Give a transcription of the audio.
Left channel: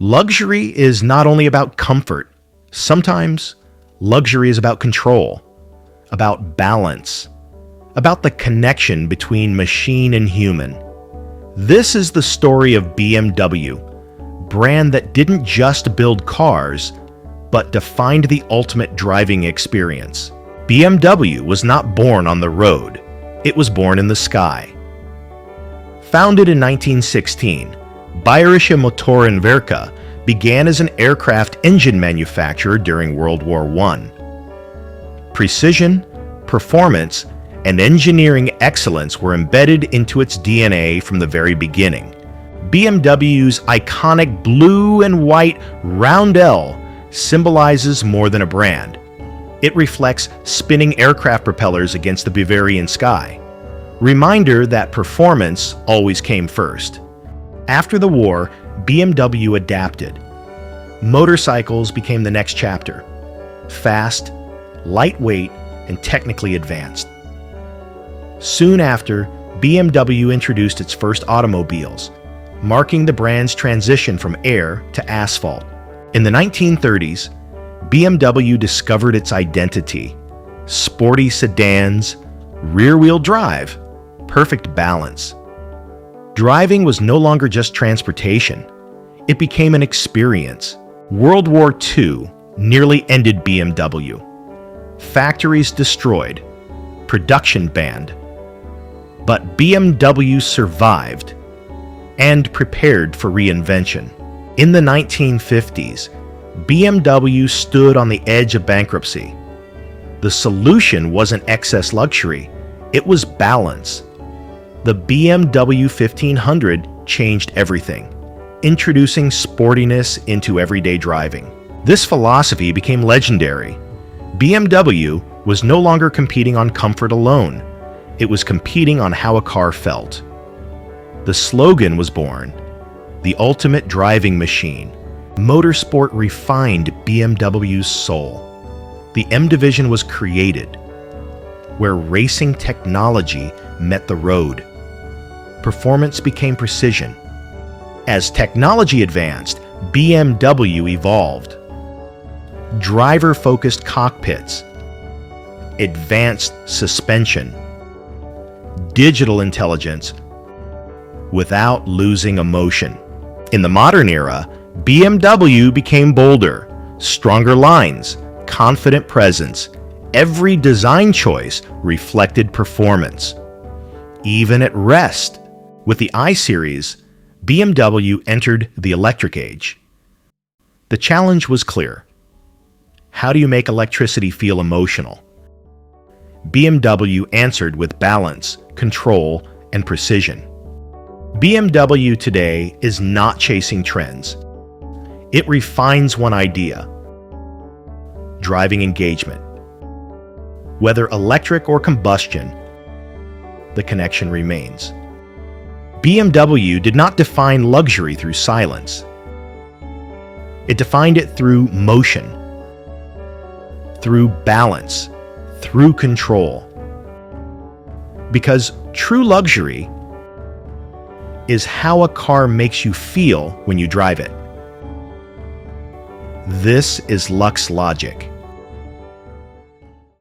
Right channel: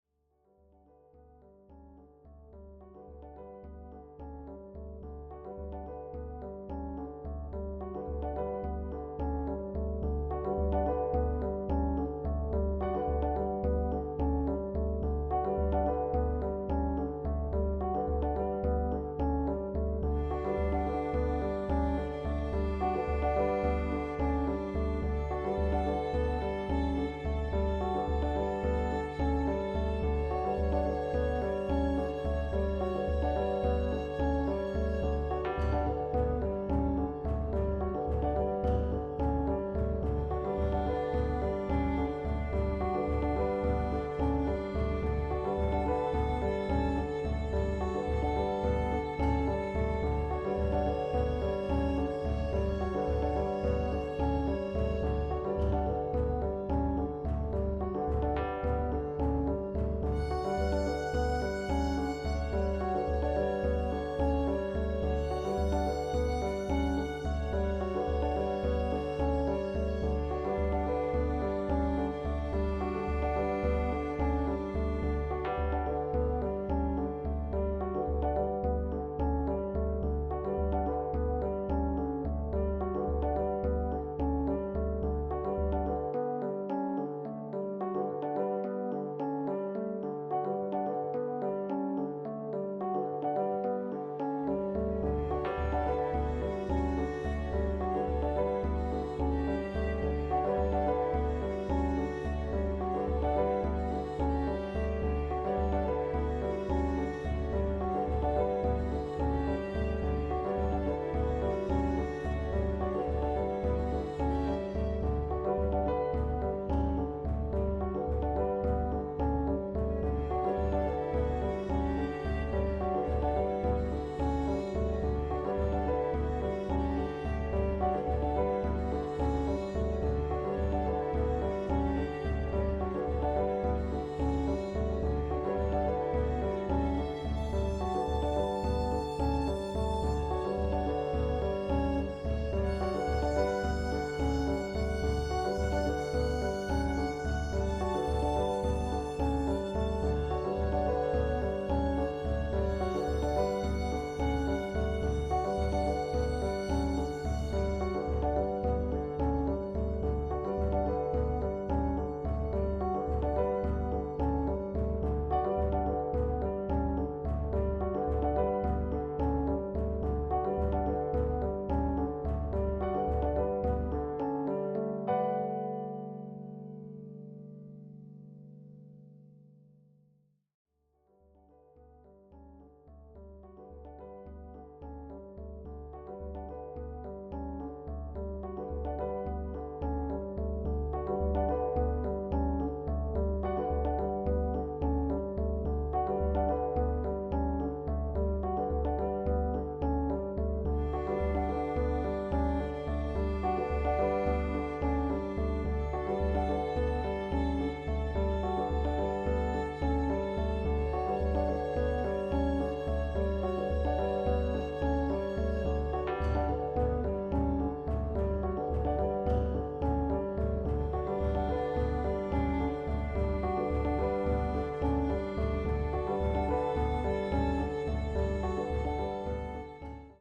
Luxury is not only about comfort. Sometimes luxury is about control, about balance, about the connection between machine and human. This is the story of BMW, brand that didn't just build cars, but defined the ultimate driving experience. BMW was not born on the road. It was born in the sky. Founded in 1916, Bayerische Motorenwerke began as an aircraft engine manufacturer during World War I. Precision, performance, and engineering excellence were embedded into its DNA from the very beginning. BMW's iconic blue and white roundel symbolizes more than a brand. It reflects spinning aircraft propellers against the Bavarian sky. Reminder that performance always came first. After the war, BMW adapted. Motorcycles became the next chapter. Fast, lightweight, and technically advanced. Soon after, BMW introduced its first automobiles, marking the brand's transition from air to asphalt. In the 1930s, BMW discovered its identity. Sporty sedans, rear-wheel drive, perfect balance. Driving was no longer just transportation. It became an experience. World War II nearly ended BMW. Factories destroyed, production banned. But BMW survived and prepared for reinvention. In the 1950s, BMW stood on the edge of bankruptcy. The solution wasn't excess luxury, it was balance. The BMW 1500 changed everything, introducing sportiness into everyday driving. This philosophy became legendary. BMW was no longer competing on comfort alone. It was competing on how a car felt. The slogan was born, the ultimate driving machine. Motorsport refined BMW's soul. The M division was created, where racing technology met the road. Performance became precision. As technology advanced, BMW evolved. Driver-focused cockpits, advanced suspension, digital intelligence, without losing emotion. In the modern era, BMW became bolder, stronger lines, confident presence. Every design choice reflected performance. Even at rest, with the I-Series, BMW entered the electric age. The challenge was clear. How do you make electricity feel emotional? BMW answered with balance, control, and precision. BMW Today is not chasing trends. It refines one idea: driving engagement. Whether electric or combustion, the connection remains. BMW did not define luxury through silence. It defined it through motion, through balance, through control. Because true luxury is how a car makes you feel when you drive it. This is LuxeLogic.